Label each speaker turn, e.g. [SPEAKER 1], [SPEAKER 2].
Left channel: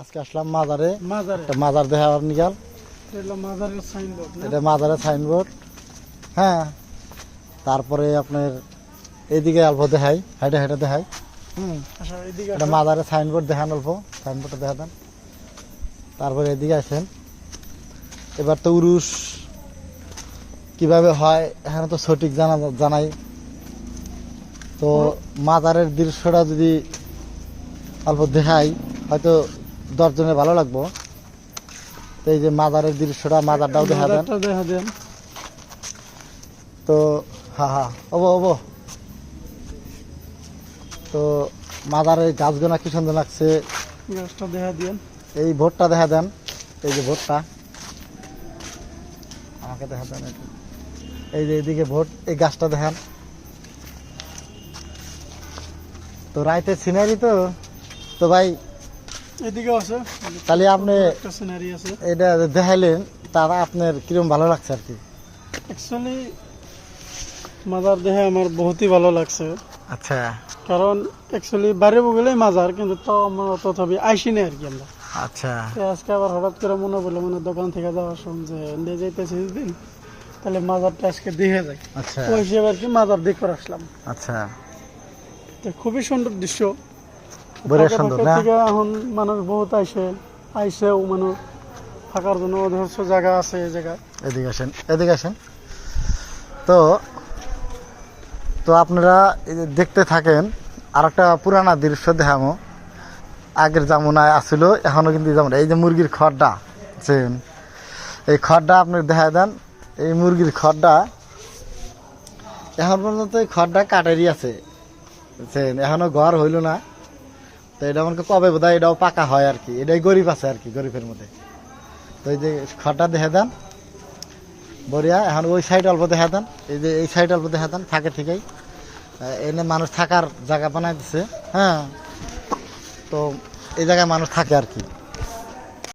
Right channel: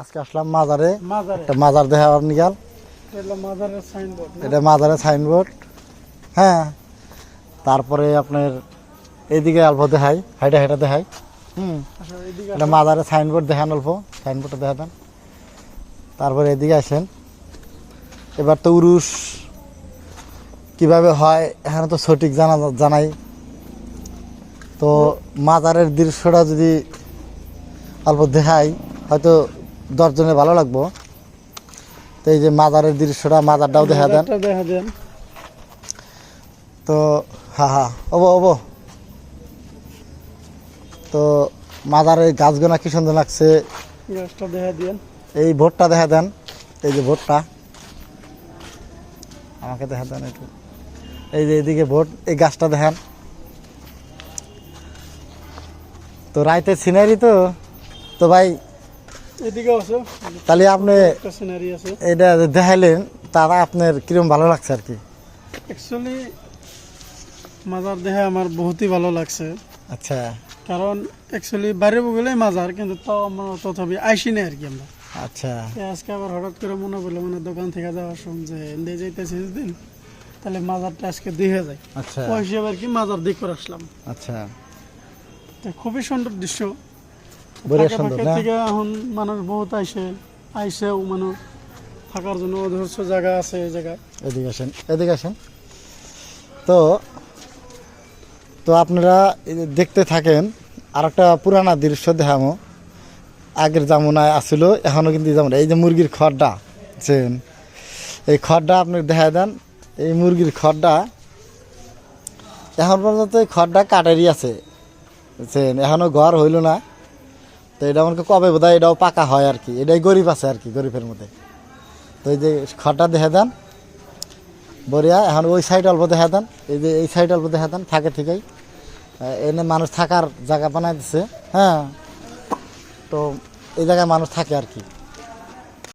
[SPEAKER 1] আজকে আসলাম মাজারে।
[SPEAKER 2] মাজারে।
[SPEAKER 1] একটা মাজার দেখাবার নিগাল
[SPEAKER 2] এটা মাজারের সাইনবোর্ড
[SPEAKER 1] এটা মাজারে সাইনবোর্ড হ্যাঁ। তারপরে আপনার এইদিকে অল্প দেখাই হাইটা হাইটা দেখাই। হুম।
[SPEAKER 2] আচ্ছা
[SPEAKER 1] এটা মাজারে সাইনবোর্ড দেখান অল্প সাইনবোর্ডটা দেখাবেন তারপরে এদিকে আসেন। এবার তো উরুস কীভাবে হয় এখানে তো সঠিক জানা জানাই। তো মাজারের দৃশ্যটা যদি অল্প দেখাই হয়তো দশজনের ভালো লাগবো। তো এই যে মাজারের দৃশ্যটা মাজারটাও দেখা দেন।
[SPEAKER 2] মাজারটা দেখা দেন।
[SPEAKER 1] তো হ্যাঁ হ্যাঁ ওবো ওবো। তো মাজারের গাছগুনা কি সুন্দর লাগছে?
[SPEAKER 2] গাছটা দেখা দেন।
[SPEAKER 1] এই ভোটটা দেখা দেন। এই যে ভোটটা। আমাকে দেখা দেন একটু। এই যে এদিকে ভোট এই গাছটা দেখান। তো রাইতে সিনারি তো। তো ভাই তাহলে আপনি এটা দেখাইলেন তারা আপনার কিরম ভালো লাগছে আর কি?
[SPEAKER 2] অ্যাকচুয়ালি মাজার দেখে আমার বহুতই ভালো লাগছে।
[SPEAKER 1] আচ্ছা।
[SPEAKER 2] কারণ অ্যাকচুয়ালি বাইরে বগলেই মাজার কিন্তু তাও আমরা তথাপি আইসি নেই আর কি আমরা।
[SPEAKER 1] আচ্ছা।
[SPEAKER 2] আজকে আবার হঠাৎ করে মনে পড়ল মানে দোকান থেকে যাওয়ার সময় যে নিয়ে যাইতেছি দিন তাহলে মাজারটা আজকে দেখে যায়
[SPEAKER 1] আচ্ছা।
[SPEAKER 2] তো হিসেবে আর কি মাজার দেখে আসলাম।
[SPEAKER 1] আচ্ছা।
[SPEAKER 2] খুবই সুন্দর দৃশ্য।
[SPEAKER 1] বড় সুন্দর না?
[SPEAKER 2] এখন মানুষ বহুত আইসে আইসেও মানুষ থাকার জন্য অধর্ষ জায়গা আছে এই জায়গা
[SPEAKER 1] এদিকে আসেন এদিকে আসেন। তো তো আপনারা এই যে দেখতে থাকেন আর একটা পুরানা দৃশ্য দেখামো। আগের জামুনায় আসছিল এখনও কিন্তু যেমন এই যে মুরগির খড়টা বুঝছেন? এই খড়টা আপনি দেখা দেন এই মুরগির খড়টা এখন পর্যন্ত এই খড়টা কাটারই আছে বুঝছেন? এখনও ঘর হইল না। তো এটা আমাকে কবে বোধ এটাও পাকা হয় আর কি। এটাই গরিব আছে আর কি, গরিবের মধ্যে। তো এই যে খড়টা দেখে দেন বরিয়া এখন ওই সাইড অল্প দেখা দেন, এই যে এই সাইড অল্প দেখা দেন, থাকে ঠিকই। এনে মানুষ থাকার জায়গা বানাই দিছে হ্যাঁ। তো এই জায়গায় মানুষ থাকে আর কি।